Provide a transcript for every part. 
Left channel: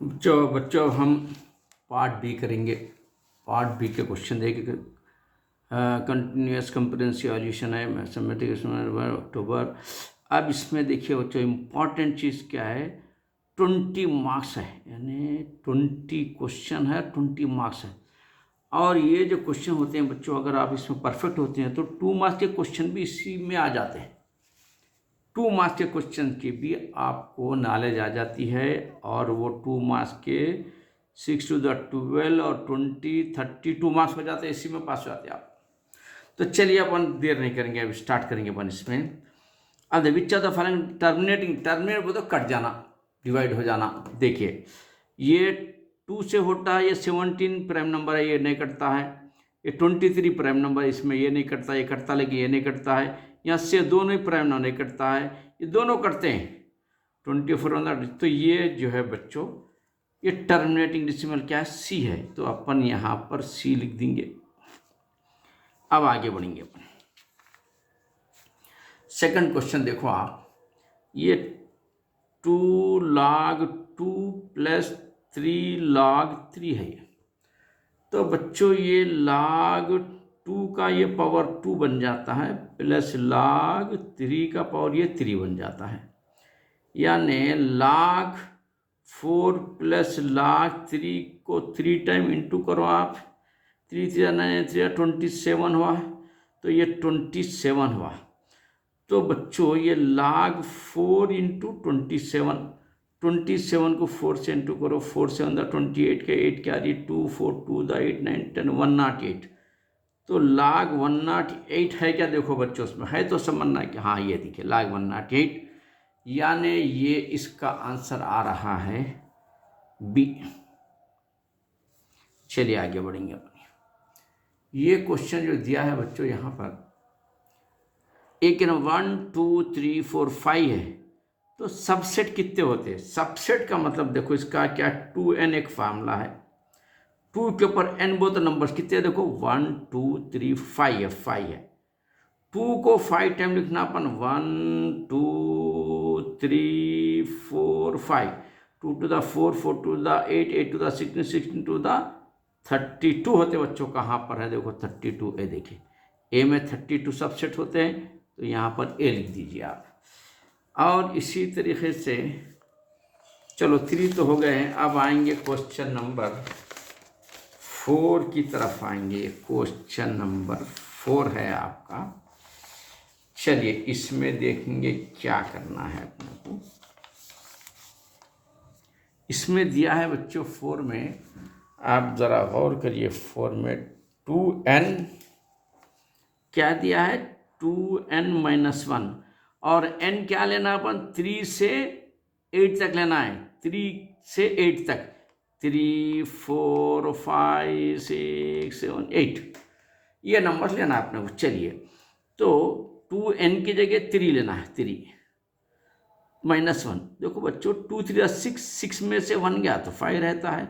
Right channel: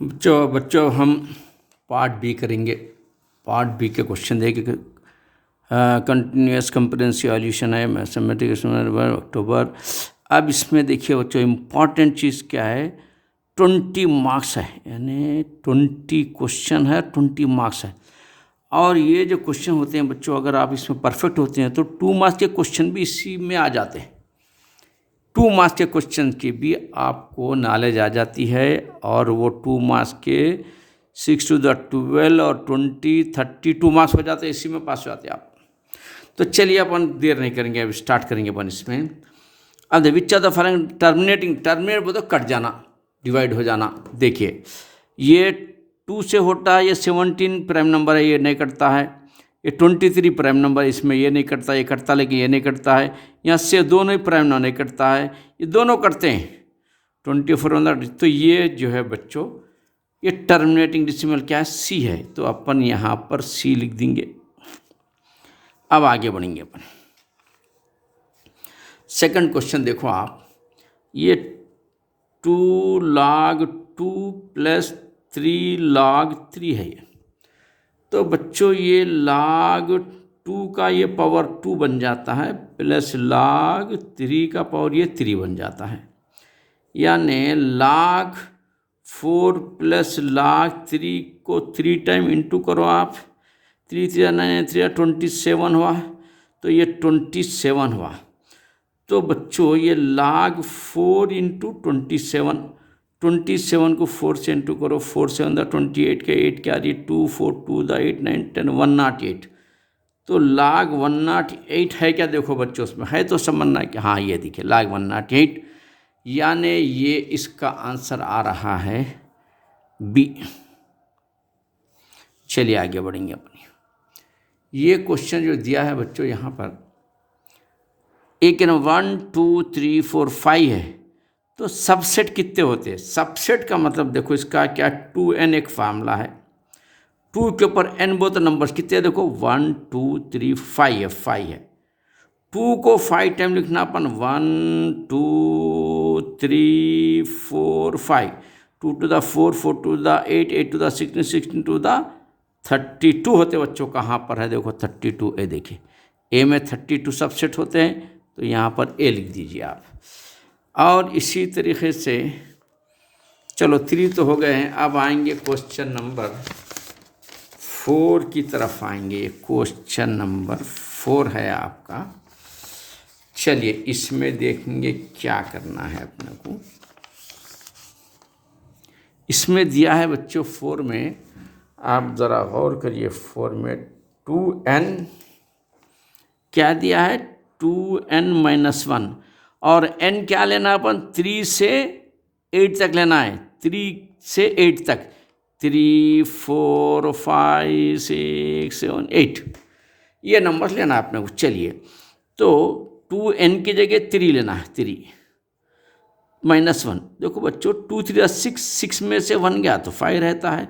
बच्चों हम part B करेंगे। पार्ट बी के क्वेश्चन देखेंगे। कंटिन्यूस कंप्रेहेंसिव सॉल्यूशन है मैथमेटिक्स अक्टूबर। अब इसमें देखिए बच्चों, इम्पॉर्टेंट चीज़ क्या है, 20 मार्क्स है, यानी 20 क्वेश्चन है, 20 मार्क्स है। और ये जो क्वेश्चन होते हैं बच्चों, अगर आप इसमें परफेक्ट होते हैं तो 2 मार्क्स के क्वेश्चन भी इसी में आ जाते हैं। 2 मार्क्स के क्वेश्चन की भी आपको नॉलेज आ जाती है, और वो 2 मार्क्स के 6 to the 12 और 20 32 मार्क्स हो जाते हैं, इसी में पास हो जाते हैं आप। तो चलिए अपन देर नहीं करेंगे, अब स्टार्ट करेंगे अपन इसमें। अब which of the following terminate बोलो कट जाना, डिवाइड हो जाना। देखिए ये 2 से होता है, ये 17 प्राइम नंबर है, ये नहीं कटता है। ये 23 प्राइम नंबर, इसमें ये नहीं कटता, ये कटता लेकिन ये नहीं कटता है। यहाँ से दोनों ही प्राइम नंबर नहीं कटता है, ये दोनों कटते हैं 24। तो ये जो है बच्चों, ये टर्मिनेटिंग डेसिमल क्या है, सी है, तो अपन यहाँ पर सी लिख देंगे। अब आगे बढ़ेंगे अपन। सेकंड क्वेश्चन देखो आप, ये 2 log 2 + 3 log 3 है ये। तो बच्चों ये log 2 का ये पावर 2 बन जाता है, प्लस log 3 का पावर ये 3 बन जाता है। यानी log 4 + log 3 को 3 टाइम इंटू करो आप, 3 3 9 3 27 हुआ, तो ये 27 हुआ। तो बच्चों ये log 4 × 27, 27 को 4 से इंटू करो, 4 7 28 के 8 क्या आ रही है 2 4 2 8 9 10 108। तो log 108 है क्या, देखो बच्चों उसमें है तो समझना है कि हाँ ये देखिए log 108, यानी ये इसका आंसर आ रहा है बी। चलिए आगे बढ़ेंगे अपनी। ये क्वेश्चन जो दिया है बच्चों यहाँ पर, एक 1 2 3 4 5 है, तो सबसेट कितने होते हैं। सबसेट का मतलब देखो इसका क्या, 2n एक फार्मूला है, 2 के ऊपर n बहुत नंबर्स कितने, देखो 1 2 3 5 है, 5 है। 2 को 5 टाइम लिखना अपन, 1 2 3 4 5, 2 to the 4 4 to the 8 8 to the 16 16 to the 32 होते बच्चों। कहाँ पर है देखो 32, ए देखिए ए में 32 सबसेट होते हैं, तो यहाँ पर ए लिख दीजिए आप। और इसी तरीके से चलो 3 तो हो गए हैं, अब आएंगे क्वेश्चन नंबर 4 की तरफ आएंगे। क्वेश्चन नंबर 4 है आपका। चलिए इसमें देखेंगे क्या करना है अपने को। इसमें दिया है बच्चों 4 में, आप ज़रा गौर करिए। 4 में 2n क्या दिया है, 2n - 1, और n क्या लेना अपन, 3 से 8 तक लेना है, 3 से 8 तक, 3 4 5 6 7 8 ये नंबर लेना है अपने को। चलिए तो 2n की जगह 3 लेना है, 3 - 1। देखो बच्चों 2 3 6, 6 में से 1 गया तो 5 रहता है,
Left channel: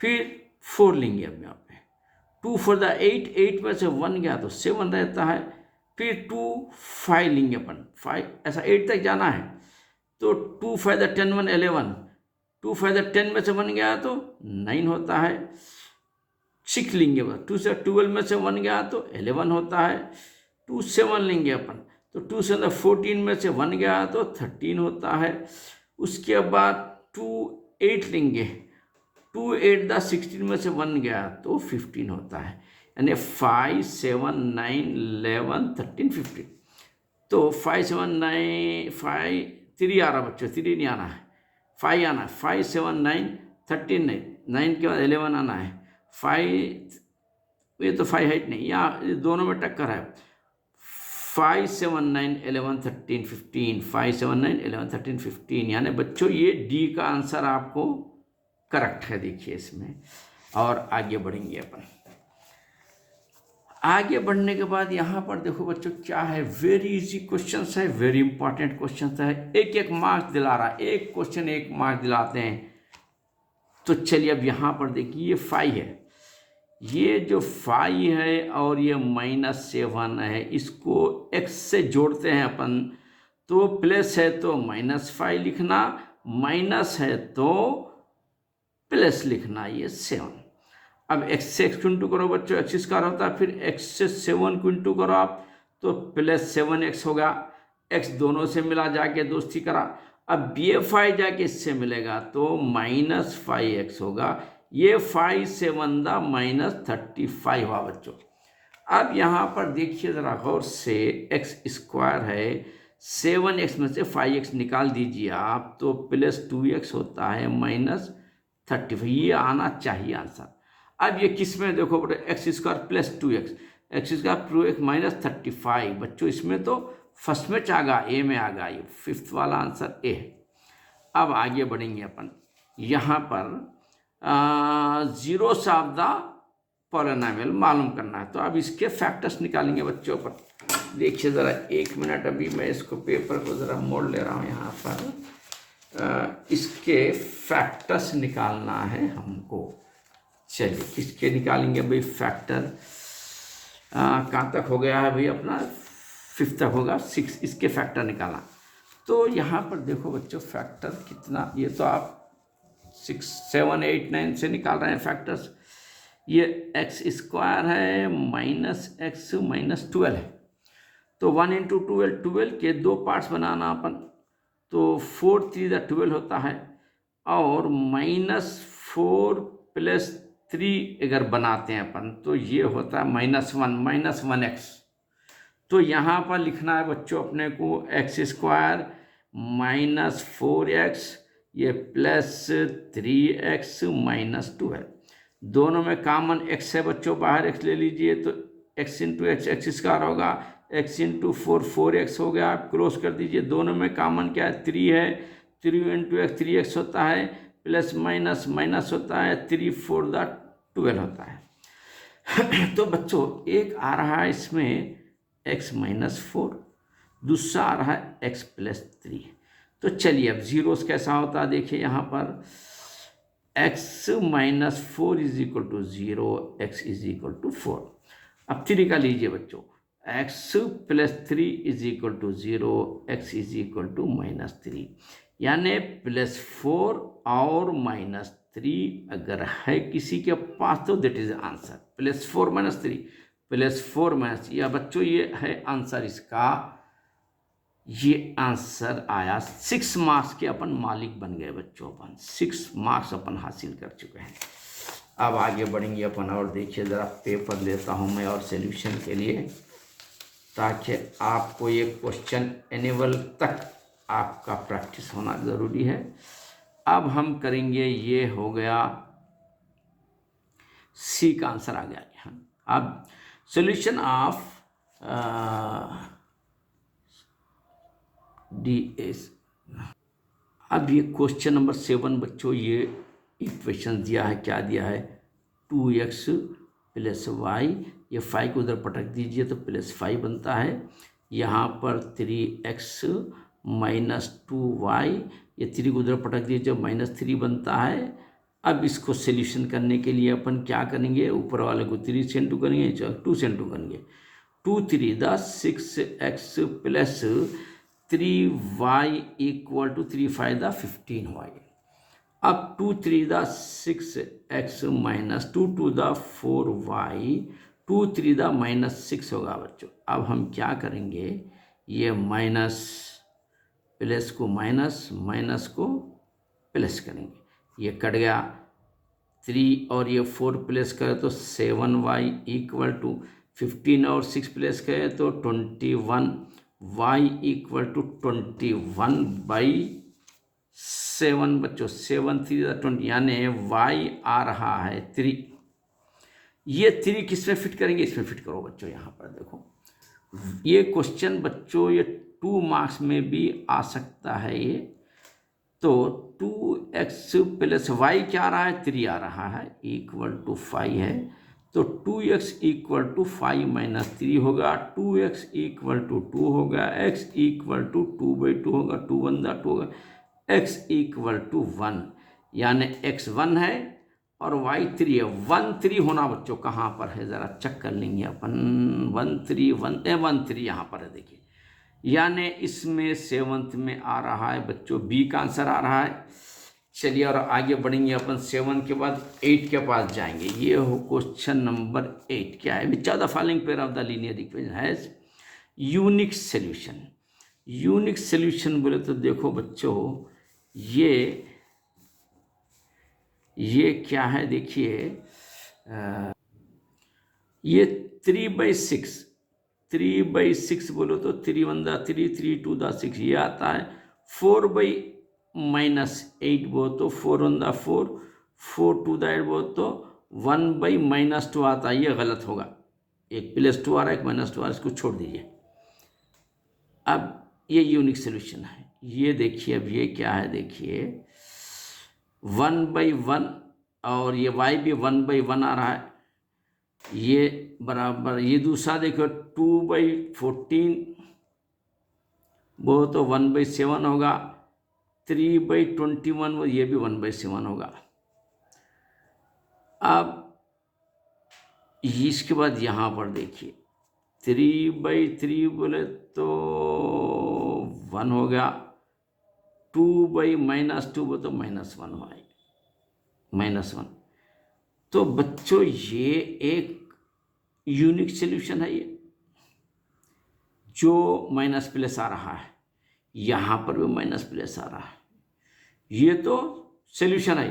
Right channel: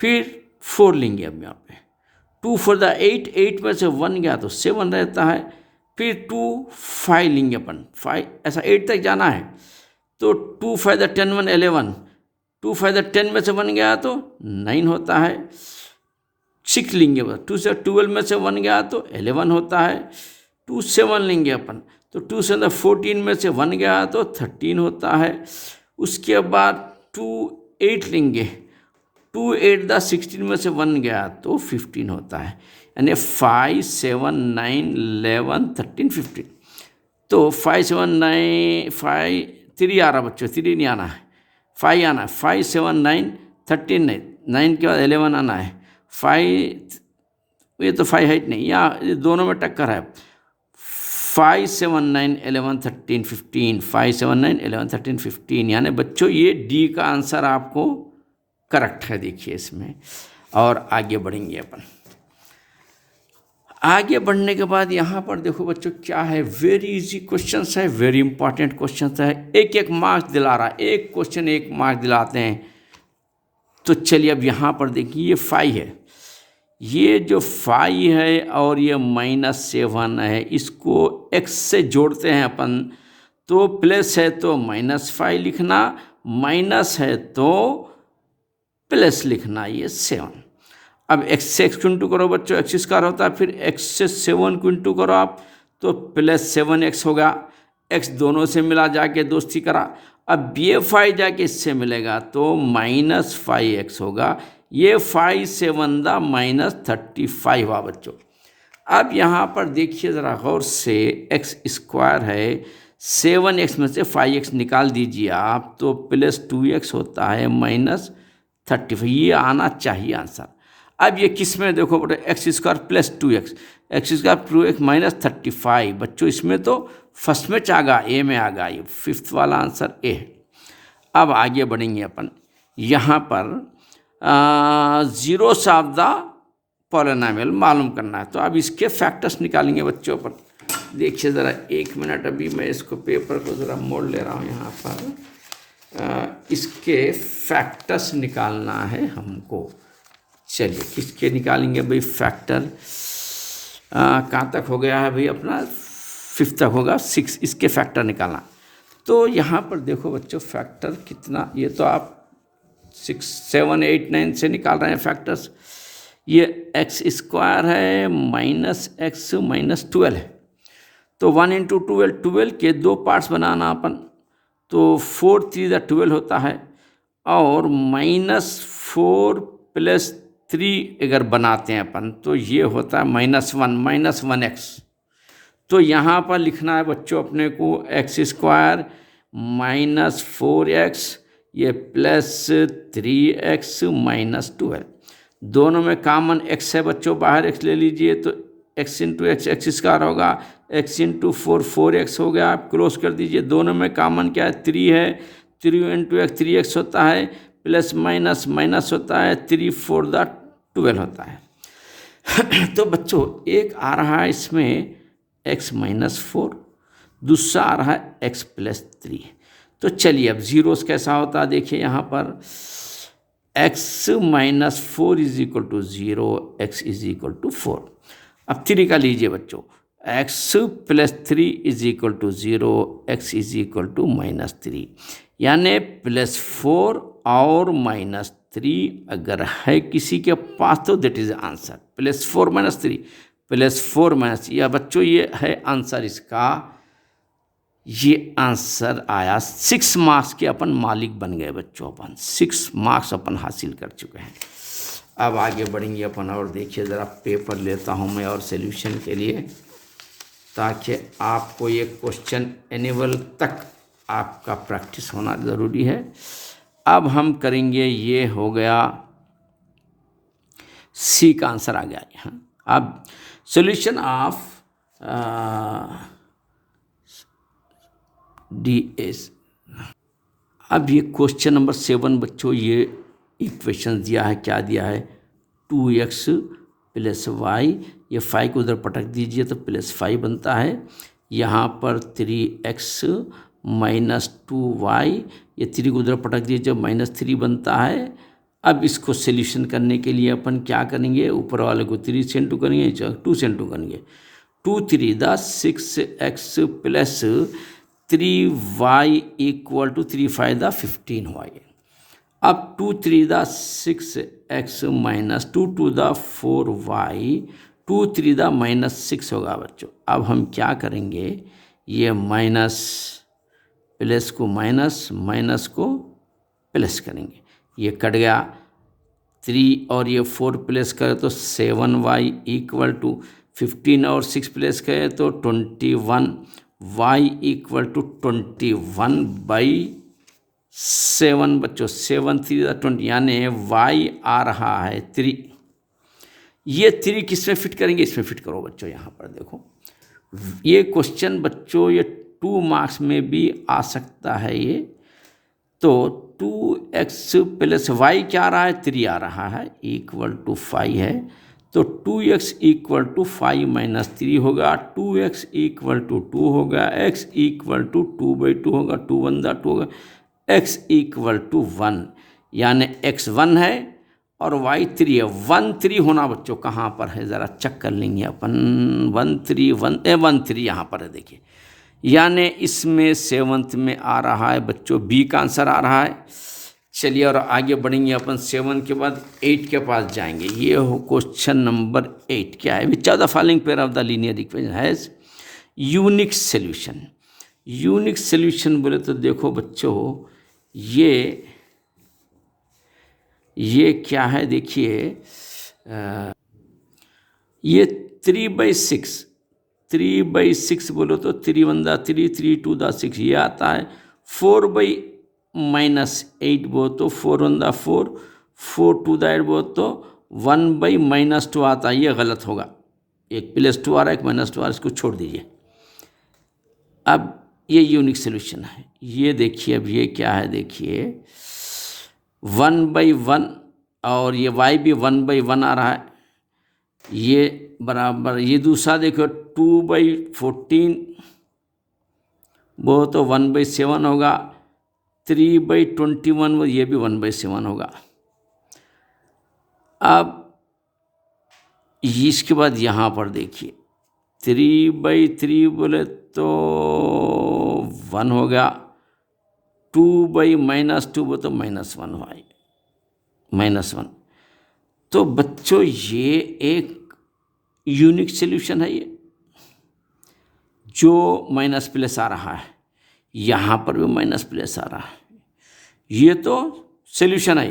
फिर 4 लेंगे अब यहाँ पे, 2 4 8, 8 में से 1 गया तो 7 रहता है, फिर 2 5 लेंगे अपन, 5 ऐसा 8 तक जाना है, तो 2 5 10 1 11, 2 5 10 में से 1 गया तो 9 होता है। 6 लेंगे, 2 से 12 में से 1 गया तो 11 होता है। 2 7 लेंगे अपन, तो 2 से 14 में से 1 गया तो 13 होता है। उसके बाद 2 8 लेंगे, 2 8 16 में से 1 गया तो 15 होता है, यानी 5 7 9 11 13 15। तो 5 7 9 5 3 आ रहा बच्चों, 3 नहीं आना है, 5 आना है, 5 7 9 13 नहीं, 9 के बाद 11 आना है, 5 ये तो 5 है नहीं, यहाँ दोनों में टक्कर है। 5 7 9 11 13 15, 5 7 9 11 13 15, यानी बच्चों ये डी का आंसर आपको करेक्ट है। देखिए इसमें, और आगे बढ़ेंगे अपन। आगे बढ़ने के बाद यहाँ पर देखो बच्चों क्या है, वेरी इजी क्वेश्चन है, वेरी इंपॉर्टेंट क्वेश्चन है, एक एक मार्क्स दिला रहा है, एक क्वेश्चन एक मार्क्स दिलाते हैं। तो चलिए अब यहाँ पर देखिए ये 5 है, ये जो 5 है और ये -7 है, इसको x से जोड़ते हैं अपन, तो प्लस है तो -5 लिखना, माइनस है तो प्लस लिखना ये 7। अब x से x को इंटू करो बच्चों, एक्स स्क्वायर होता है, फिर x से 7 को इंटू करो आप तो प्लस 7x होगा। x दोनों से मिला जाके दोस्ती करा, अब ये 5 जाके इससे मिलेगा तो -5x होगा। ये 5 7 दा -35 हुआ बच्चों। अब यहाँ पर देखिए ज़रा गौर से, एक्स स्क्वायर है, 7x में से 5x निकाल दीजिए आप तो +2x होता है -35। ये आना चाहिए आंसर। अब ये किस में देखो बेटा, x square +2x, x square +2x -35 बच्चों, इसमें तो फर्स्ट में आ ए में आ गया, ये 5th वाला आंसर ए है। अब आगे बढ़ेंगे अपन, यहाँ पर जीरोस ऑफ द पॉलिनोमियल मालूम करना है, तो अब इसके फैक्टर्स निकालेंगे बच्चों पर। देखिए ज़रा 1 मिनट, अभी मैं इसको पेपर को ज़रा मोड़ ले रहा हूँ यहाँ पर। इसके फैक्टर्स निकालना है हमको। चलिए किसके निकालेंगे भाई फैक्टर, कहाँ तक हो गया है भाई अपना, 5th तक होगा, 6 इसके फैक्टर निकालना। तो यहाँ पर देखो बच्चों फैक्टर कितना, ये तो आप 6 7 8 9 से निकाल रहे हैं फैक्टर्स। ये एक्स स्क्वायर है -x -12 है, तो 1 × 12, 12 के 2 पार्ट्स बनाना अपन, तो 4 3 12 होता है, और -4 + 3 अगर बनाते हैं अपन तो ये होता है -1 -1x। तो यहाँ पर लिखना है बच्चों अपने को x स्क्वायर -4x ये +3x -12, दोनों में कॉमन x है बच्चों, बाहर x ले लीजिए तो x × x एक्स स्क्वायर होगा, x × 4 4x हो गया, आप क्रॉस कर दीजिए, दोनों में कॉमन क्या है 3 है, 3 × x 3x होता है, प्लस माइनस माइनस होता है, 3 4 12 होता है। तो बच्चों एक आ रहा है इसमें x -4, दूसरा आ रहा है x +3। तो चलिए अब जीरोस कैसा होता है देखिए यहाँ पर, x -4 = 0, x = 4। अब 3 का लीजिए बच्चों, x +3 = 0, x = -3, यानी +4 और -3 अगर है किसी के पास तो दैट इज आंसर, +4 -3 +4 या बच्चों ये है आंसर इसका। ये आंसर आया 6 मार्क्स के, अपन मालिक बन गए बच्चों, अपन 6 मार्क्स अपन हासिल कर चुके हैं। अब आगे बढ़ेंगे अपन, और देखिए ज़रा पेपर लेता हूँ मैं और सॉल्यूशन के लिए, ताकि आपको ये क्वेश्चन एनुअल तक आपका प्रैक्टिस होना ज़रूरी है। अब हम करेंगे, ये हो गया सी का आंसर आ गया यहाँ। अब सॉल्यूशन ऑफ DS। अब ये क्वेश्चन नंबर 7 बच्चों, ये इक्वेशन दिया है, क्या दिया है 2x + y, ये 5 को उधर पटक दीजिए तो +5 बनता है, यहाँ पर 3x - 2y, ये 3 को उधर पटक दीजिए -3 बनता है। अब इसको सॉल्यूशन करने के लिए अपन क्या करेंगे, ऊपर वाले को 3 से इंटू करेंगे, 2 से इंटू करेंगे, 2 3 6x + 3y = 3 5 15 हुआ ये। अब 2 3 6x - 2 2 4y, 2 3 -6 होगा बच्चों। अब हम क्या करेंगे, ये माइनस प्लस को माइनस, माइनस को प्लस करेंगे, ये कट गया, 3 और ये 4 प्लस करें तो 7y = 15 और 6 प्लस करें तो 21, y = 21/7 बच्चों, 7 3 20, यानी y आ रहा है 3। ये 3 किस में फिट करेंगे, इसमें फिट करो बच्चों। यहाँ पर देखो ये क्वेश्चन बच्चों ये 2 मार्क्स में भी आ सकता है ये। तो 2x + y क्या आ रहा है, 3 आ रहा है, = 5 है, तो 2x = 5 - 3 होगा, 2x = 2 होगा, x = 2/2 होगा, 2 1 2 होगा, x = 1, यानी x 1 है और y 3 है। 1 3 होना बच्चों कहाँ पर है, ज़रा चेक कर लेंगे अपन, 1 3 1 3 यहाँ पर है देखिए, यानी इसमें 7th में आ रहा है बच्चों, बी का आंसर आ रहा है। चलिए और आगे बढ़ेंगे अपन 7 के बाद 8 के पास जाएंगे। ये हो क्वेश्चन नंबर 8। क्या है? Which of the following pair of the linear equation has unique solution. Unique solution बोले तो देखो बच्चों, ये क्या है? देखिए ये 3/6, 3/6 बोलो तो 3 1 3, 3 2 6, ये आता है। 4/-8 बोलो तो 4 1 4, 4 2 8 बोलो तो 1/-2 आता है। ये गलत होगा, एक +2 आ रहा है, एक -2 आ रहा है, इसको छोड़ दीजिए। अब ये यूनिक सोल्यूशन है। ये देखिए, अब ये क्या है? देखिए 1/1 और ये y भी 1/1 आ रहा है, ये बराबर। ये दूसरा देखो 2/14 वो तो 1/7 होगा। 3/21 वो ये भी 1/7 होगा। अब इसके बाद यहाँ पर देखिए 3/3 बोले तो 1 हो गया। 2/-2 बोले तो -1 हुआ, -1। तो बच्चों ये एक यूनिक सोल्यूशन है, ये जो माइनस+ आ रहा है, यहाँ पर भी माइनस+ आ रहा है। ये तो सोल्यूशन है,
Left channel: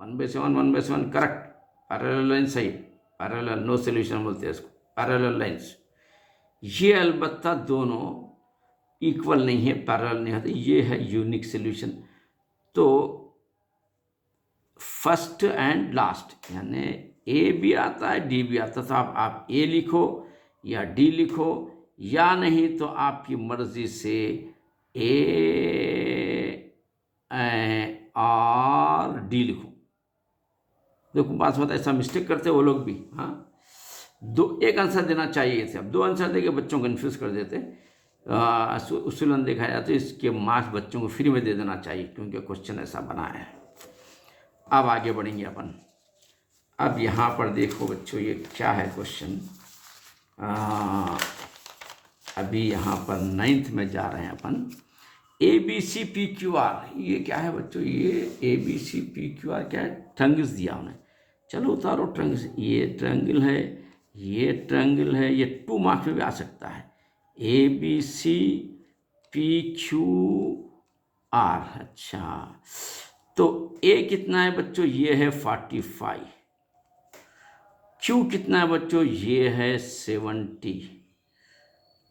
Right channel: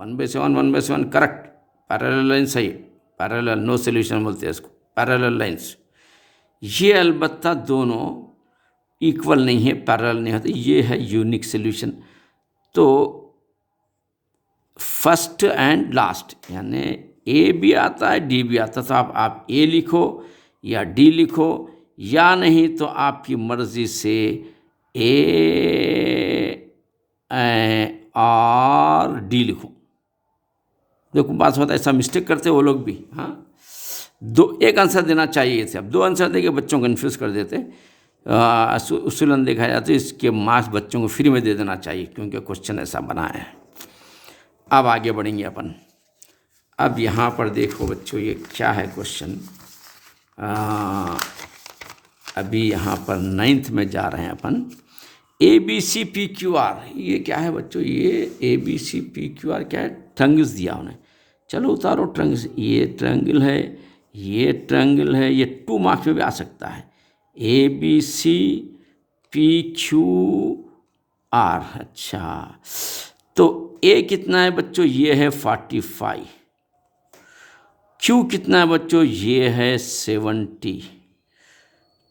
1/7 1/7 करेक्ट। पैरेलल लाइन्स है, पैरेलल, नो सोल्यूशन बोलते हैं इसको, पैरेलल लाइन्स। ये अलबत्ता दोनों इक्वल नहीं है, पैरेलल नहीं होते। ये है यूनिक सोल्यूशन। तो फर्स्ट एंड लास्ट, यानी ए भी आता है, डी भी आता है। तो आप ए लिखो या डी लिखो, या नहीं तो आपकी मर्जी से ए और डी लिखो। देखो बात होता है, ऐसा मिस्टेक करते वो लोग भी। हाँ, एक आंसर देना चाहिए थे, अब 2 आंसर देके बच्चों को कन्फ्यूज़ कर देते। उसूलन देखा जाए तो इसके मार्क्स बच्चों को फ्री में दे देना चाहिए, क्योंकि क्वेश्चन ऐसा बना है। अब आगे बढ़ेंगे अपन। अब यहाँ पर देखो बच्चों, ये क्या है क्वेश्चन। अभी यहाँ पर 9th में जा रहे हैं अपन। ABCPQR, ये क्या है बच्चों? ये ABCPQR क्या है? ट्रायंगल्स दिया उन्हें। चलो उतारो ट्रायंगल्स। ये ट्रायंगल है, ये ट्रायंगल है, ये 2 मार्क्स में भी आ सकता है। ABCPQR। अच्छा, तो A कितना है बच्चों? ये है 45। Q कितना है बच्चों? ये है 70।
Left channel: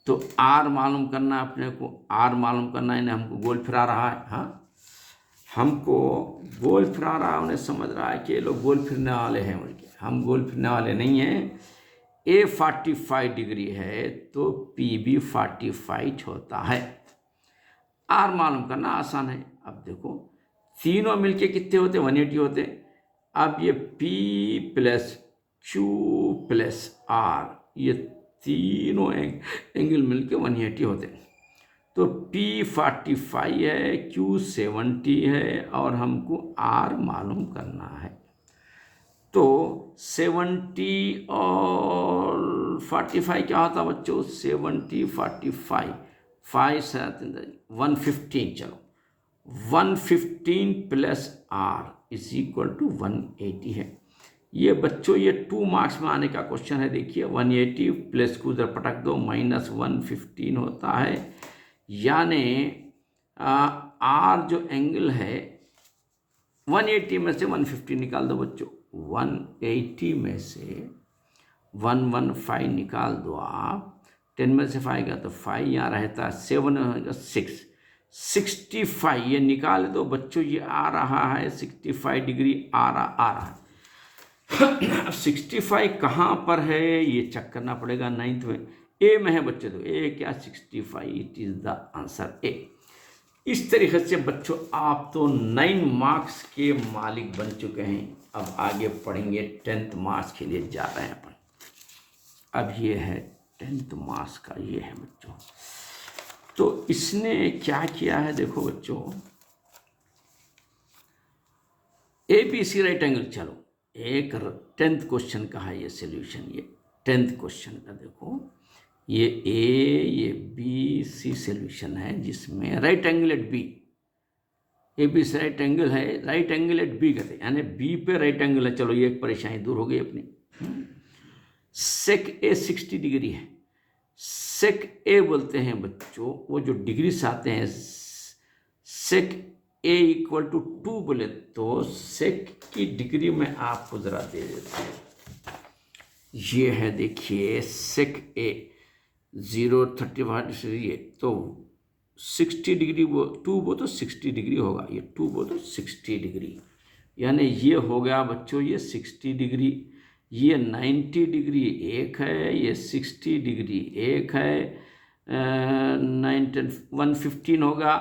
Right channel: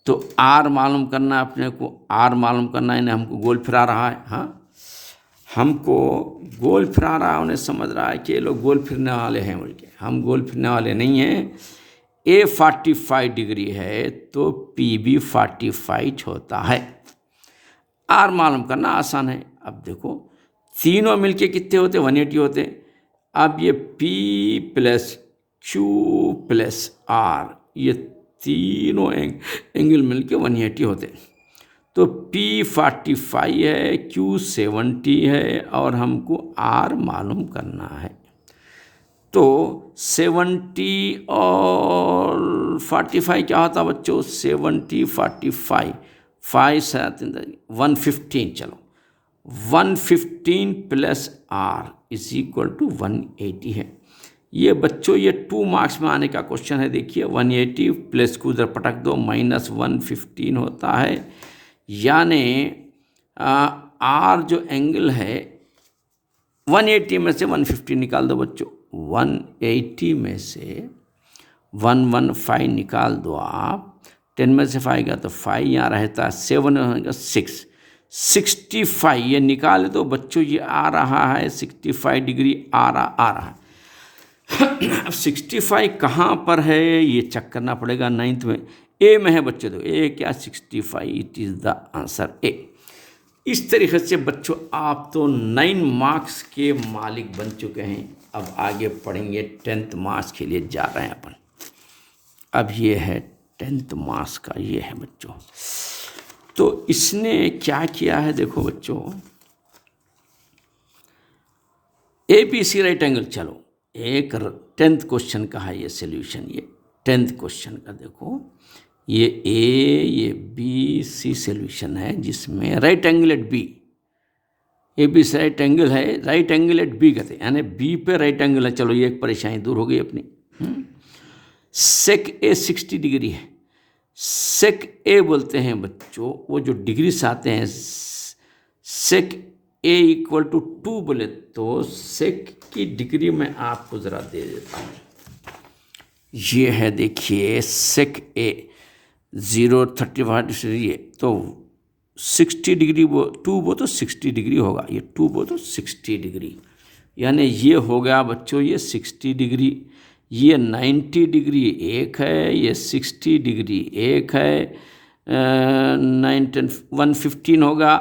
तो R मालूम करना है अपने को, R मालूम करना है। इन्हें हमको गोल फिरा रहा है। हाँ, हमको गोल फिरा रहा है, उन्हें समझ रहा है कि ये लोग गोल फिरने वाले हैं बोल के। हम गोल फिरने वाले नहीं हैं। A 45 डिग्री है तो P भी 45 होता है। R मालूम करना आसान है। अब देखो तीनों मिलके कितने होते? 180 होते। अब ये P + Q + R, ये तीनों एंगल मिलके 180 होते। तो P 45 है, Q 70 है, और हमको R मालूम करना है। तो 70 और 45 क्या होता बच्चों? 70 45 5 7 115। चलो 115 + R = 180 है। ये बच्चों ये 2 मार्क्स में आने का क्वेश्चन है। देखिए 180 प्लस को उधर पटक दो, -115 होता है। यानी R जो एंगल है 180 में से 150 निकाल दो बच्चों। 180 में से 115 निकाल दो आप। 10 में से 5 गया तो 5 यहाँ रहता है, 7 होगा 6, 65 ये निकाल दो बच्चों। ये आ रहा है 65 डिग्री आ रहा है। 65 कहाँ पर है ये चेक करना पड़ेगा। 9th में ए में है बच्चों। तो ए क्या? 65। It is the answer A. इस तरीके से बच्चों आप तो 9 मार्क्स के मालिक बन चुके हैं। अब आगे पढ़ेंगे 10th मार्क्स के लिए जा रहे हैं अपन। अब ये है 10th मार्क्स का, ये है बच्चों। तो इसने क्या किया है देखो बच्चों, ABC राइट एंगल। चलो एक 10th क्वेश्चन का है ये सोल्यूशन। ये 10th क्वेश्चन का देखो, ये A ये B C सोल्यूशन है, जिसमें right angle at B A B right angle है, राइट एंगल एट बी कहते हैं, यानी बी पे राइट एंगल है। चलो ये एक परेशानी दूर हो गई अपनी। सेक ए 60 डिग्री है। सेक ए बोलते हैं बच्चों वो जो डिग्री से आते हैं, सेक ए इक्वल टू 2 बोले तो सेक की डिग्री में आपको ज़रा दे देता हूँ। ये है देखिए सेक ए 0.35 ये तो 60 डिग्री, वो 2 वो तो 60 डिग्री होगा, ये 2 वो तो 60 डिग्री, यानी ये हो गया बच्चों ये 60 डिग्री, ये 90 डिग्री एक है, ये 60 डिग्री एक है, 115 होगा,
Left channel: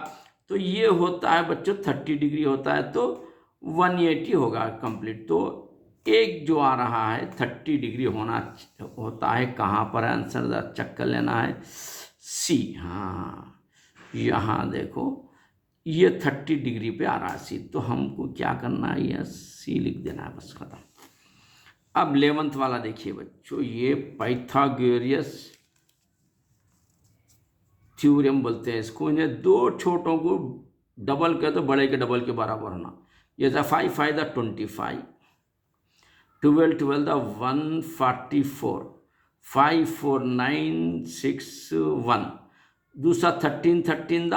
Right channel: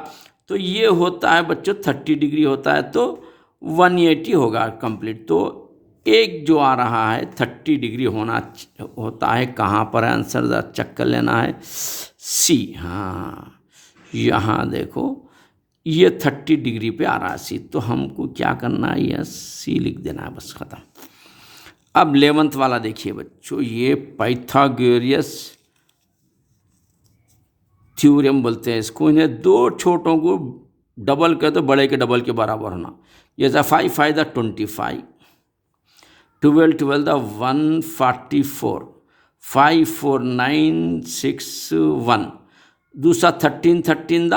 तो ये होता है बच्चों 30 डिग्री होता है, तो 180 होगा कंप्लीट। तो एक जो आ रहा है 30 डिग्री होना होता है, कहाँ पर है आंसर ज़रा चेक कर लेना है, सी। हाँ यहाँ देखो ये 30 डिग्री पे आ रहा है सी, तो हमको क्या करना है, यह सी लिख देना है, बस खत्म। अब 11th वाला देखिए बच्चों, ये पाइथागोरस थ्योरम बोलते हैं इसको, इन्हें दो छोटों को डबल कर तो बड़े के डबल के बराबर होना। जैसा 5 5 द 25, 12 12 द 144, 5 4 9 6 1, दूसरा 13 13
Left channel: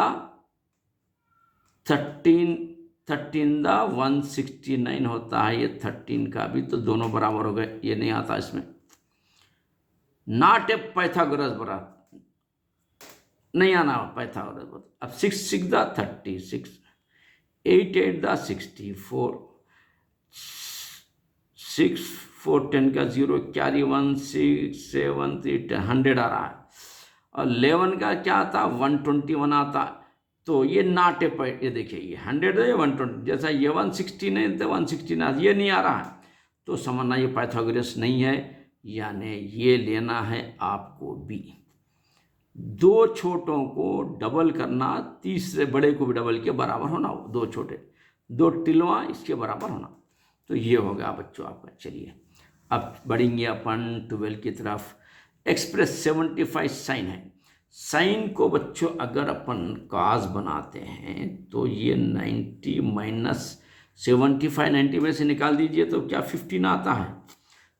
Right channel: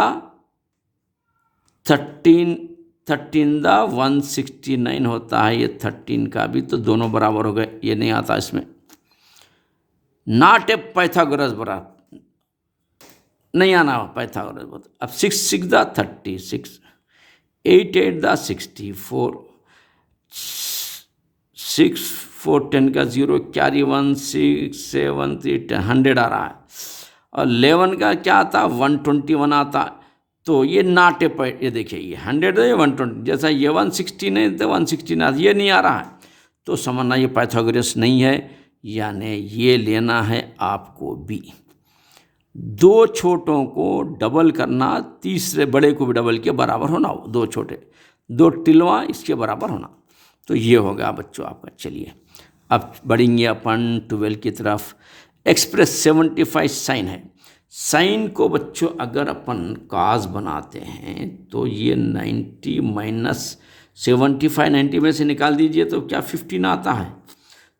द 169 होता है, ये 13 का भी, तो दोनों बराबर हो गए, ये नहीं आता इसमें, नॉट ए पाइथागोरस बराबर नहीं आना पाइथागोरस। अब 6 6 द 36, 8 8 द 64, 6 4 10 का 0 कैरी 1 6 7 3 10 100 आ रहा है, और 11 का क्या आता 121 आता, तो ये नॉट ए पॉइंट, ये देखिए ये 100 है, ये 120, जैसा ये 116 है तो 116 ये नहीं आ रहा है, तो समझना ये पाइथागोरस नहीं है, यानी ये लेना है आपको बी। दो छोटों को डबल करना, तीसरे बड़े को भी डबल के बराबर होना, दो छोटे दो टिलवा इसके बराबर होना, तो ये होगा बच्चों आपका। चलिए अब बढ़ेंगे अपन 12 की तरफ। एक्सप्रेस 75 साइन है, साइन को बच्चों अगर अपन काज बनाते हैं तो ये 90 माइनस 75, 90 में से निकाल दीजिए तो क्या 15 आता है,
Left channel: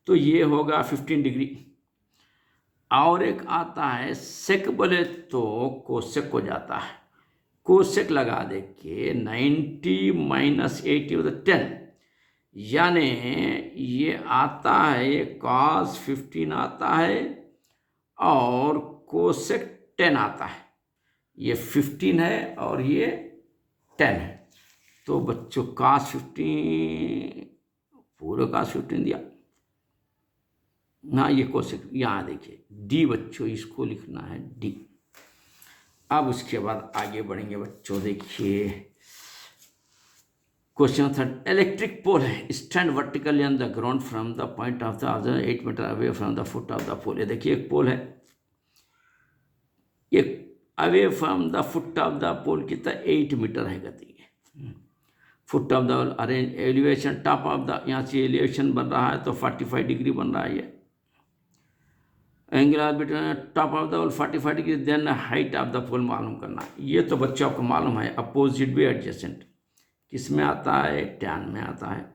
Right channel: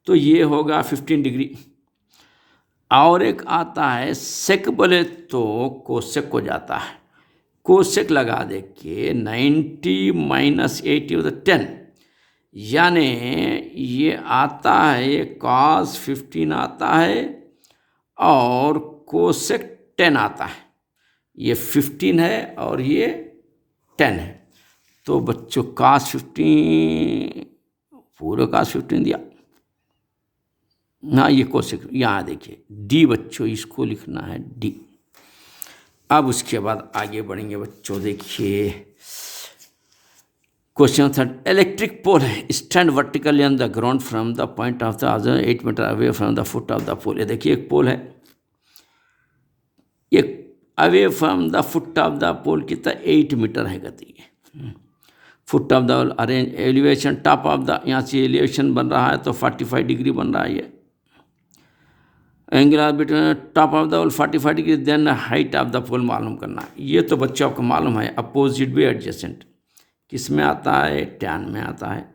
तो ये होगा 15 डिग्री। और एक आता है सेक बोले तो कोसेक हो जाता है, कोसेक लगा दे के 90 माइनस 80 तो 10, यानी ये आता है, ये कॉस 15 आता है और कोसेक 10 आता है, ये 15 है और ये 10 है, तो बच्चों कॉस 15 पूरे कॉस 15 दिया ना, ये कोसेक यहाँ देखिए डी बच्चों, इसको लिखना है डी। अब उसके बाद आगे बढ़ेंगे बच्चों, देखिए क्वेश्चन 3, इलेक्ट्रिक पोल है, stand vertically on the ground from the point of the other 8 metre away from the foot of the pole. ये देखिए एक पोल है, ये away from the foot of the pole कितना 8 मीटर है गति, foot of the arrange elevation top of the, यहाँ से एलिवेशन बन रहा है तो 45 डिग्री बन रहा है, ये angle between top of the pole 45 degree, then height of the pole मालूम करना। ये तो बच्चों आपको मालूम है, अपोजिट भी एडजेसेंट किस में आता है, टैन में आता है,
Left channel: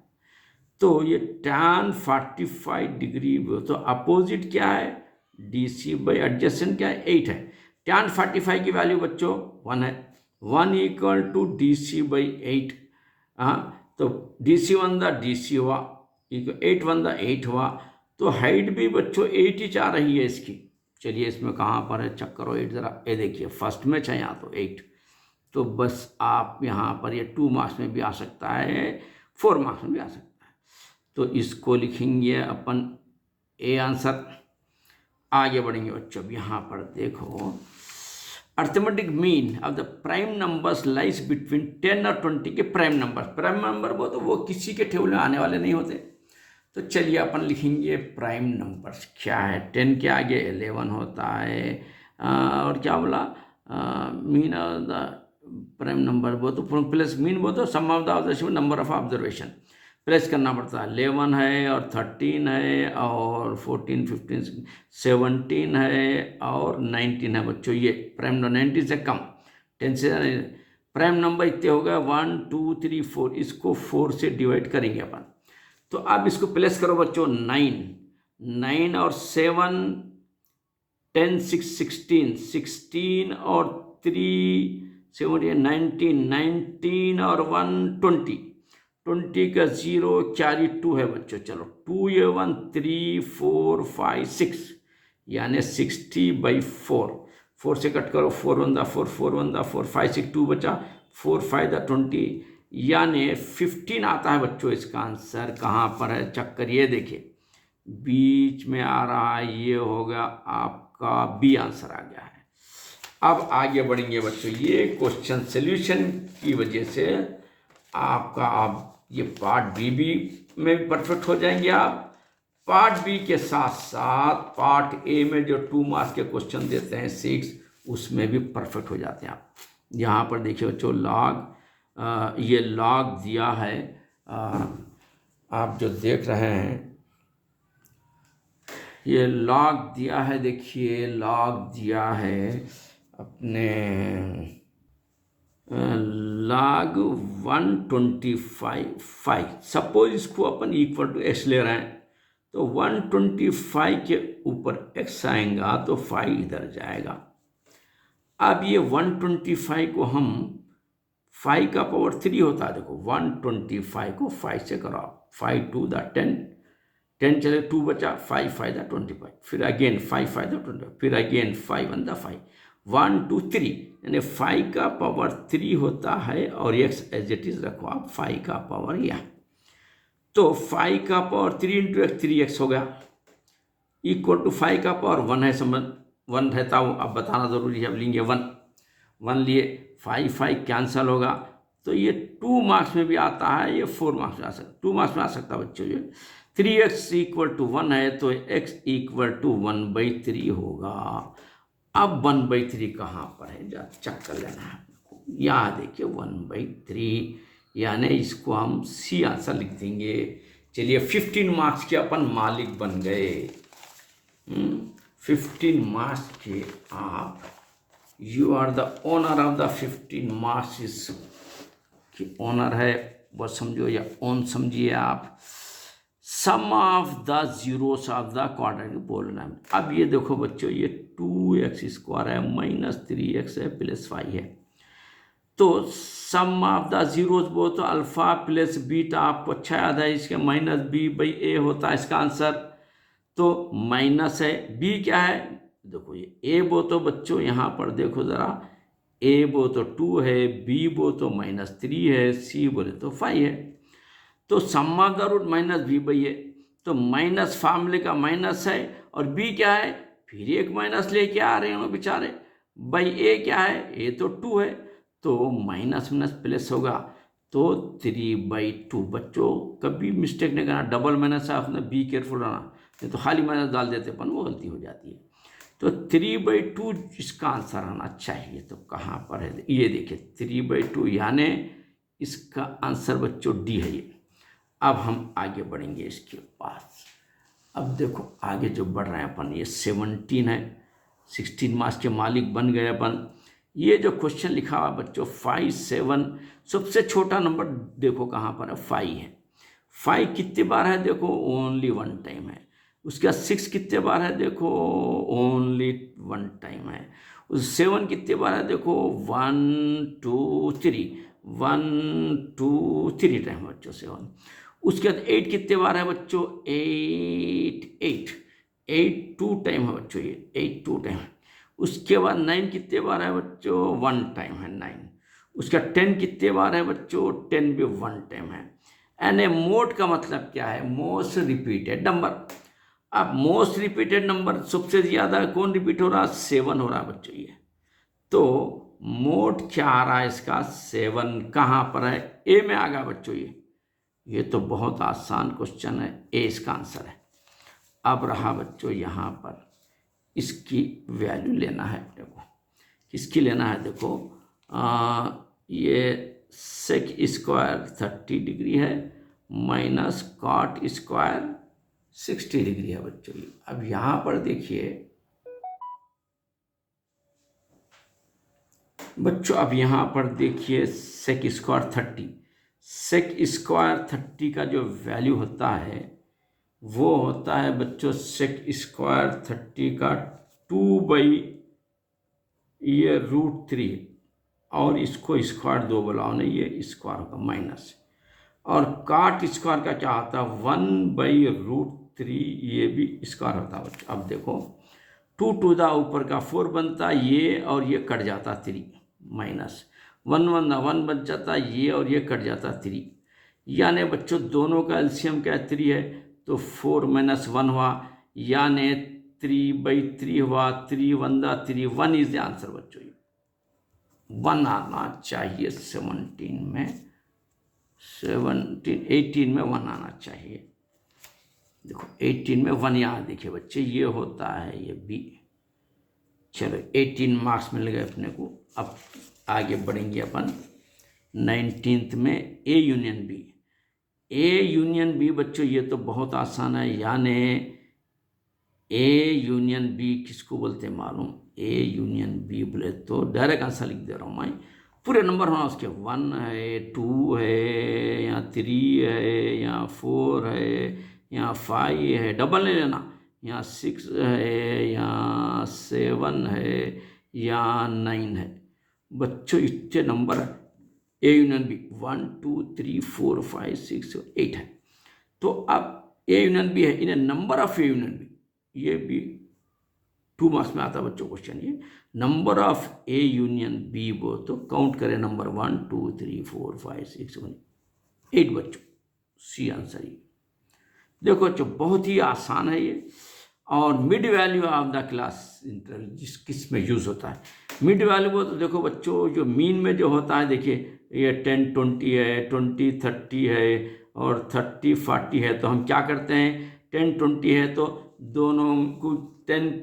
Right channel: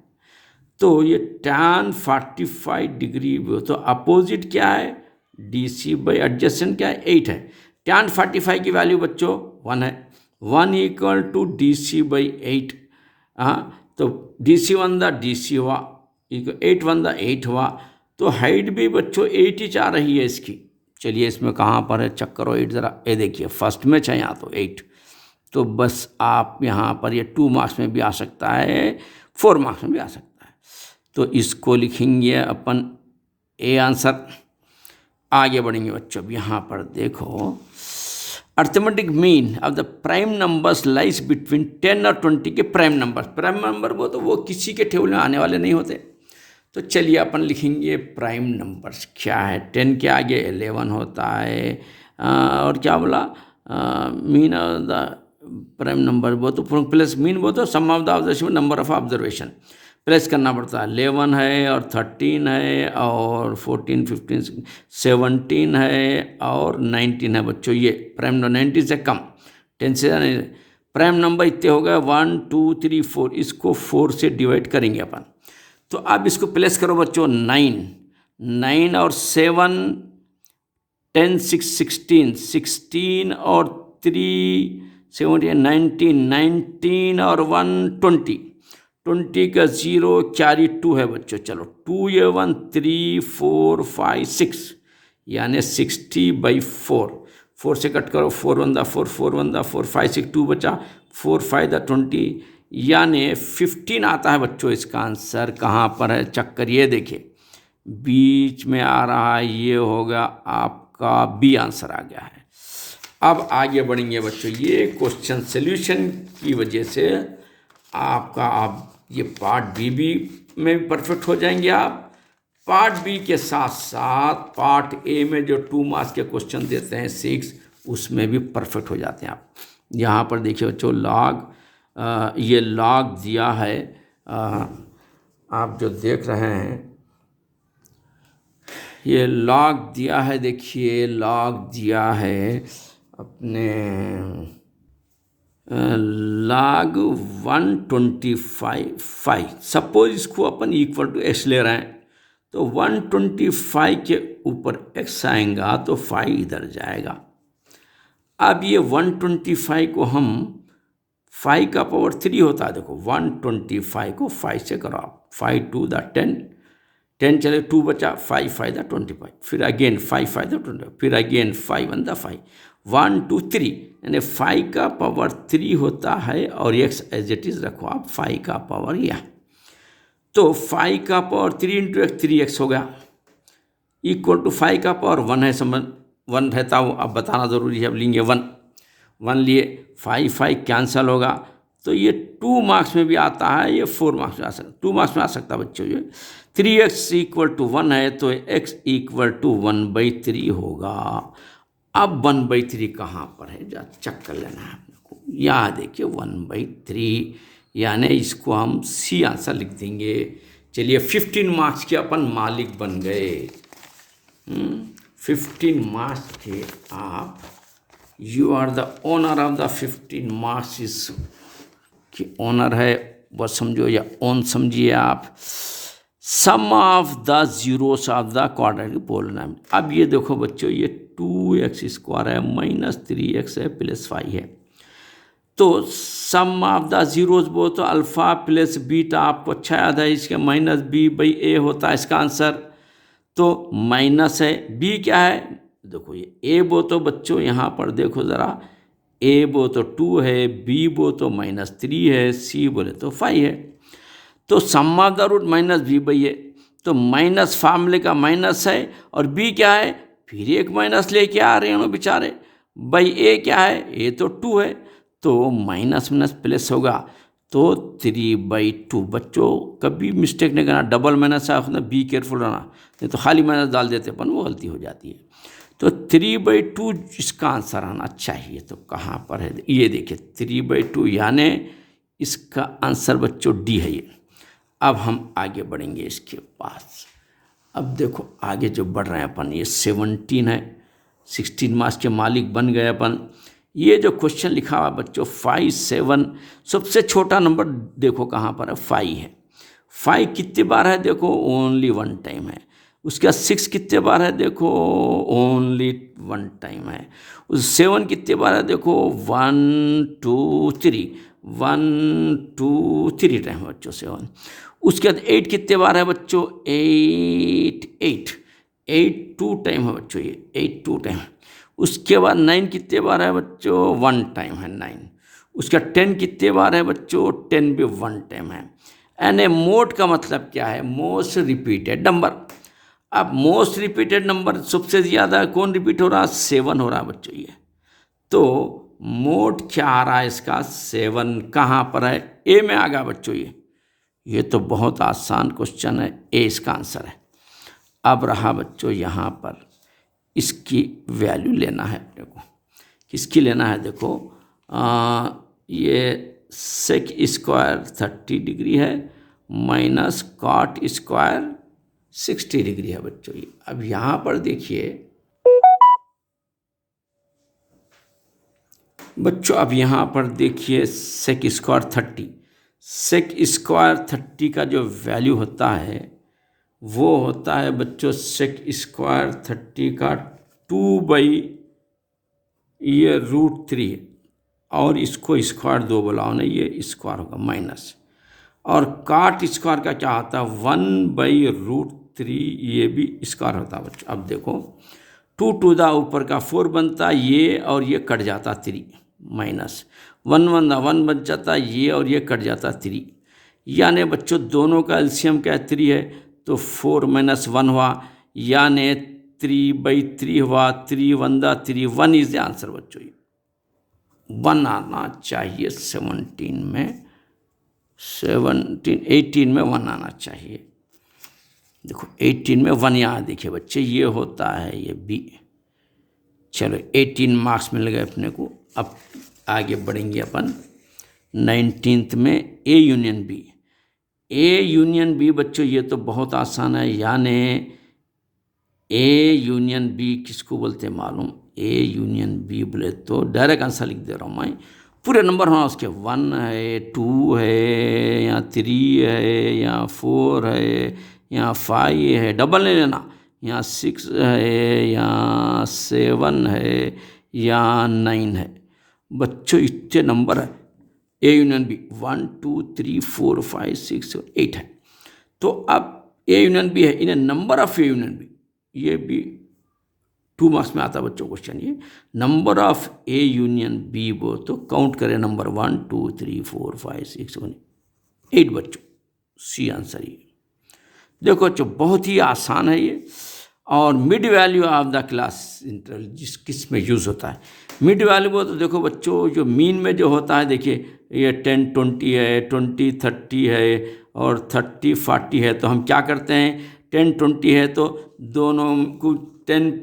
तो ये टैन 45 डिग्री, तो अपोजिट क्या है डी सी बाई एडजेसेंट क्या है 8 है, टैन 45 की वैल्यू बच्चों 1 है, 1 equal to D C by 8, हाँ तो D C 1 the D C हुआ, 8 1 द 8 हुआ, तो हाइट भी बच्चों 8 ही आ रही है इसकी। चलिए इसमें कहाँ पर है चेक करो 8 ज़रा, ये देखिए फर्स्ट में है यहाँ तो 8, तो बस आप यहाँ पर ये 2 मार्क्स में भी आ सकता है, 4 मार्क्स में भी आ सकता है, तो इसको लिखेंगे अपन ए आंसर। आगे बढ़ेंगे बच्चों, अब यहाँ पर देखो arithmetic mean of the prime numbers lies between 10 और 20 के प्राइम नंबर वो तो वो किसी के टेबल में आने वाले नहीं होते, तो चलिए अपन लिखेंगे प्राइम नंबर्स क्या है, 10 के आगे 11 होता है, और क्या बोला mean of the prime number वो तो प्लस मीन वो तो sum of the observation number of observation plus करना पड़ता है, 11 है और 13 है और 14 15 17 है और 19 है बच्चों, ये प्राइम 90 से कम 10 से प्राइम नंबर इतने हो गए 1 2 3 4, इसको 4 से डिवाइड करेंगे अपन। तो अब इसको प्लेस करो बच्चों, 9 और 7 10 6 16, 16 और 3 17 19, 19 और 1 20, 20 का 0 कैरी 2 है बच्चों। चलो 2 ये 1 3 4 5 6, यानी 60/4, 4 से कट करो, 4 1 दा 4, 4 1 दा 4, 5 6 2 बचा, 4 5 दा 20, यानी 15 आता है बच्चों इसका आंसर। कहाँ पर है चक्कर, ये देखिए बीच में आ रहा है, ये होगा आपका बी आंसर आ गया है। अब आगे बढ़ेंगे बच्चों, ये क्वेश्चन सॉल्यूशन की वजह से आपका आप ये पार्ट बी में भी परफेक्ट हो जाएंगे आप। पार्ट बी के साथ साथ पार्ट ए में जो 2 मार्क्स के क्वेश्चन देते हैं 6, उसमें भी परफेक्ट हो जाते हैं आप। यहाँ पर देखिए बच्चों लॉग, ये लॉग दिया है, आप जो देख रहे हैं ये लॉग दिया है, देखिए लॉग दिया है अपने log 125। सपोज इसको अपन इक्वल टू x ले रहे हैं, तो 125 के ऊपर x आएगा तो 5 इधर जाएगा। अब ये 125 को हम 5 का पावर 3 होता है, देखो 125 को 5 से करो आप, 5 2 दा 10, 10 चले 2 बचा, 5 5 दा 25, फिर अगेन 5 5 दा 25, फिर अगेन 5 1 दा 5, 1 2 3, यानी 5 का पावर 3 होता है और x एज इट इज रखो आप 5 का पावर यह, तो 5 का पावर 3 इंटू एक्स 3x हो गया, इक्वल टू 5 का पावर 1 है, समझ 1 रहता हो, अब बताना जरूरी है। अब लेंगे 1 लिए, 5 5 कैंसल होगा, तो ये 2 मार्क्स में भी आता है, ये 4 मार्क्स में आ सकता, 2 मार्क्स में आ सकता है बच्चों। ये 3x इक्वल टू 1 है, तो x इक्वल टू 1/3 होगा। अब 1/3 कहाँ पर है, जा चेक कर लेना है आपको। यहाँ देखिए 1/3, यानी इसको हम सी आंसर लिख देंगे। चलिए 15 मार्क्स के अपन मालिक बन गए। 15 मार्क्स के आप, you are the owner of the 15 marks. इस की ओनर है वो समझो या ओन समझिए आप। Sum of the zeros of the quadratic बोलना है। अब ये देखो बच्चों, ये 2x² है, -3x है, +5 है, तो सम ऑफ द जीरोस बोल तो अल्फा प्लस बीटा आपको अच्छा याद है, इसके -b/a होता है इसका आंसर, तो माइनस है। b क्या है, देखो ये a बो तो बच्चों यहाँ पर देखो ज़रा, a बो तो 2 है, b बो तो -3 है, c बोले तो 5 है, तो sum of the root -b/a, तो माइनस फार्मूले का माइनस है, और b क्या है, फिर एक माइनस लेके आ रहे हैं बेचारे, a क्या है, a तो 2 है, तो माइनस माइनस प्लस होगा, तो 3/2। बच्चों कभी मिस्टेक नहीं करना, डबल माइनस है, बी केयरफुल रहना, नहीं तो खाली माइनस डाल देते अपन, वो गलती हो जाती है। तो 3/2 इसका आंसर आना चाहिए, तो कहाँ पर है, ये देखिए 3/2, यानी इसका आंसर बच्चों डी है ये। अब हम आगे बढ़ेंगे इसके पास। अब देखो आगे जो बढ़ रहे हैं अपन, ये 17 है, 16 मार्क्स के मालिक बन गए अपन। ये जो क्वेश्चन लिखा हुआ बच्चों 5 7, सबसे छोटा नंबर देखो कहाँ पर है, 5 है। 5 कितने बार है, देखो ओनली 1 टाइम है। उसके बाद 6 कितने बार है, देखो ओनली 1 टाइम है। उस 7 कितने बार है, देखो 1 2 3, 1 2 3 टाइम बच्चों 7। उसके बाद 8 कितने बार है बच्चों, 8 2 टाइम है बच्चों, ये 8 2 टाइम। उसके बाद 9 कितने बार है बच्चों, 1 टाइम है 9। उसका 10 कितने बार है बच्चों, 10 भी 1 टाइम है। एंड ए मोड का मतलब क्या है, मोस्ट रिपीटेड नंबर। अब मोस्ट रिपीटेड नंबर सबसे ज़्यादा कौन रिपीट हो रहा है, 7 हो रहा है बच्चों ये, तो मोड क्या आ रहा है इसका, 7 कहाँ पर है, ए में आ गया बच्चों ये तो बहुत आसान क्वेश्चन है, ए इसका आंसर है। अब रहा बच्चों यहाँ पर इसकी वैल्यू लेना है, देखो किसकी लेना है, देखो ये सेक स्क्वायर 30 डिग्री है, माइनस कॉट स्क्वायर 60 डिग्री है बच्चों ये। अब यहाँ पर देखिए बच्चों अब यहाँ पर देखिए सेक स्क्वायर 30, सेक स्क्वायर 30 का जो वैल्यू होता है वो होता है बच्चों सेक स्क्वायर 30 का 2/√3, और इसको स्क्वायर 2 बुलाओ ना, ये स्क्वायर होगा माइनस, और काट स्क्वायर का क्या होता है 1/√3, ये भी स्क्वायर होता है बच्चों। अब देखो 2 टू द ऊपर का 4 बनता है ये, और ये कट जाता 3, माइनस 1 1 1 बच जाता ये, और ये कट जाता 3, यानी बच्चों दोनों का एलसीएम क्या 3 है, तो 4 - 1 हुआ, यानी 3/3 हुआ, 3 1 3, 1 इज द आंसर बच्चों। 1 आना चाहिए 18 में 1 आना चाहिए। देखो 18 में 1 यहाँ देखिए बच्चे, ये होता है ये बी। चलो 18 मार्क्स मिल गए अपने को। अब आगे बढ़ेंगे अपन 19th में A union B. A union B बच्चों ये तो बहुत आसान है, यानी ए यूनियन बी किसको बोलते हैं मालूम? ए यूनियन बी बोले तो डायरेक्ट आंसर लिख दे रहा हूँ मैं, पूरे नंबर होना उसके 1 है, 2 है, या 3 है, या 4 है, या 5 है, डबल नहीं लेना, या 6 है, या 7 है, या 9 है। बच्चों इतने नंबर है ए यूनियन बी, 1 2 3 4 5 6 8 है। तो अब ए यूनियन बी है, इन्हें number of A union B, ये भी 2 मार्क्स में आता है बच्चों क्वेश्चन। ये number of A union B वो तो काउंट करें, नंबर 1 2 3 4 5 6 7 8 बच्चों, सी आंसर ये। देखो बच्चों बहुत ही आसान है ये। और mid value of the class interval जिस किस में यूज़ होता है, मिड वैल्यू वो तो देखो बच्चों जो मीन में जो होता है, देखिए ये 10 20 है, 20 30 है, और 30 40 है। तो हम क्या करते हैं, 10 20 है तो दोनों को 10 +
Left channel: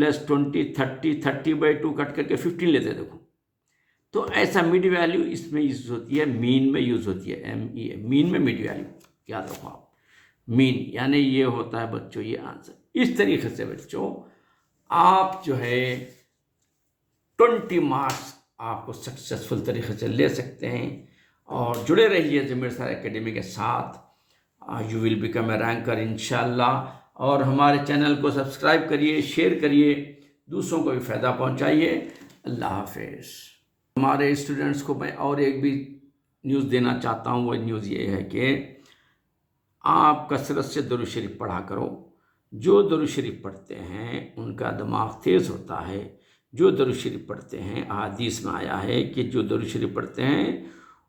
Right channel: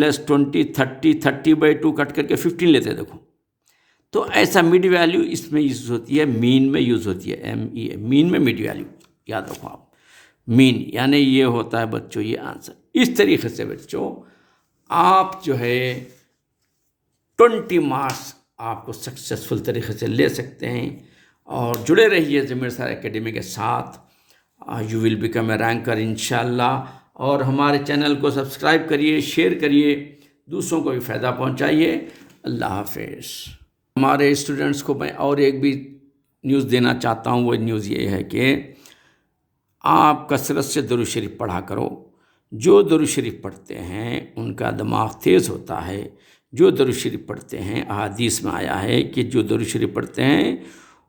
20 30/2 कट करके 15 लेते हैं। देखो तो ऐसा मिड वैल्यू इसमें यूज़ होती है, मीन में यूज़ होती है, MEA, मीन में मिड वैल्यू याद रखो आप, मीन यानी ये होता है बच्चों ये आंसर। इस तरीके से बच्चों आप जो है 20 मार्क्स आपको सक्सेसफुल तरीके से ले सकते हैं। और जुड़े रहिए ज़मीर सर एकेडमी के साथ, you will become a ranker इंशाल्लाह। और हमारे चैनल को सब्सक्राइब करिए, शेयर करिए, दूसरों को भी फ़ायदा पहुंचाइए। अल्लाह हाफिज़। हमारे स्टूडेंट्स को मैं और एक भी न्यूज़ देना चाहता हूँ, वो न्यूज़ ये है कि आप कसरत से दुरूद शरीफ पढ़ा करो। जो दुरूद शरीफ पढ़ते हैं उनका दिमाग तेज़ होता है। जो दुरूद शरीफ पढ़ते हैं, अहादीस में आया है कि जो दुरूद शरीफ पढ़ते हैं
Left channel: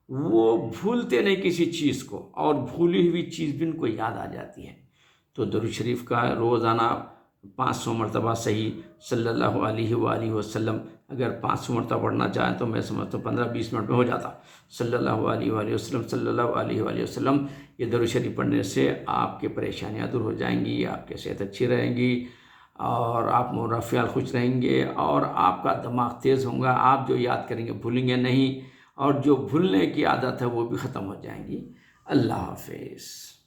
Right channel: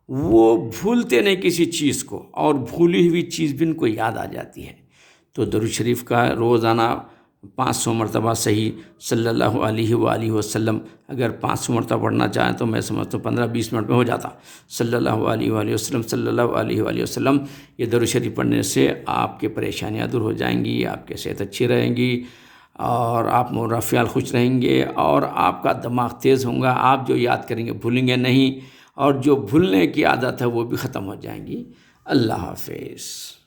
वो भूलते नहीं किसी चीज़ को, और भूली हुई चीज़ भी उनको याद आ जाती है। तो दुरूद शरीफ का रोज़ाना 500 मरतबा सही सल्लल्लाहु अलैहि वसल्लम, अगर 500 मरतबा पढ़ना चाहें तो मैं समझता हूँ 15-20 मिनट में हो जाता। सल्लल्लाहु अलैहि वसल्लम सल्लल्लाहु अलैहि वसल्लम, ये दुरूद शरीफ पढ़ने से आपकी परेशानियाँ दूर हो जाएंगी, आपकी सेहत अच्छी रहेंगी, और आप मुरफ़ियाल खुश रहेंगे, और आपका दिमाग तेज़ होगा। आप जो याद करेंगे भूलेंगे नहीं, और जो भूलने की आदत है वो भी ख़त्म हो जाएंगी। अल्लाह हाफिज़।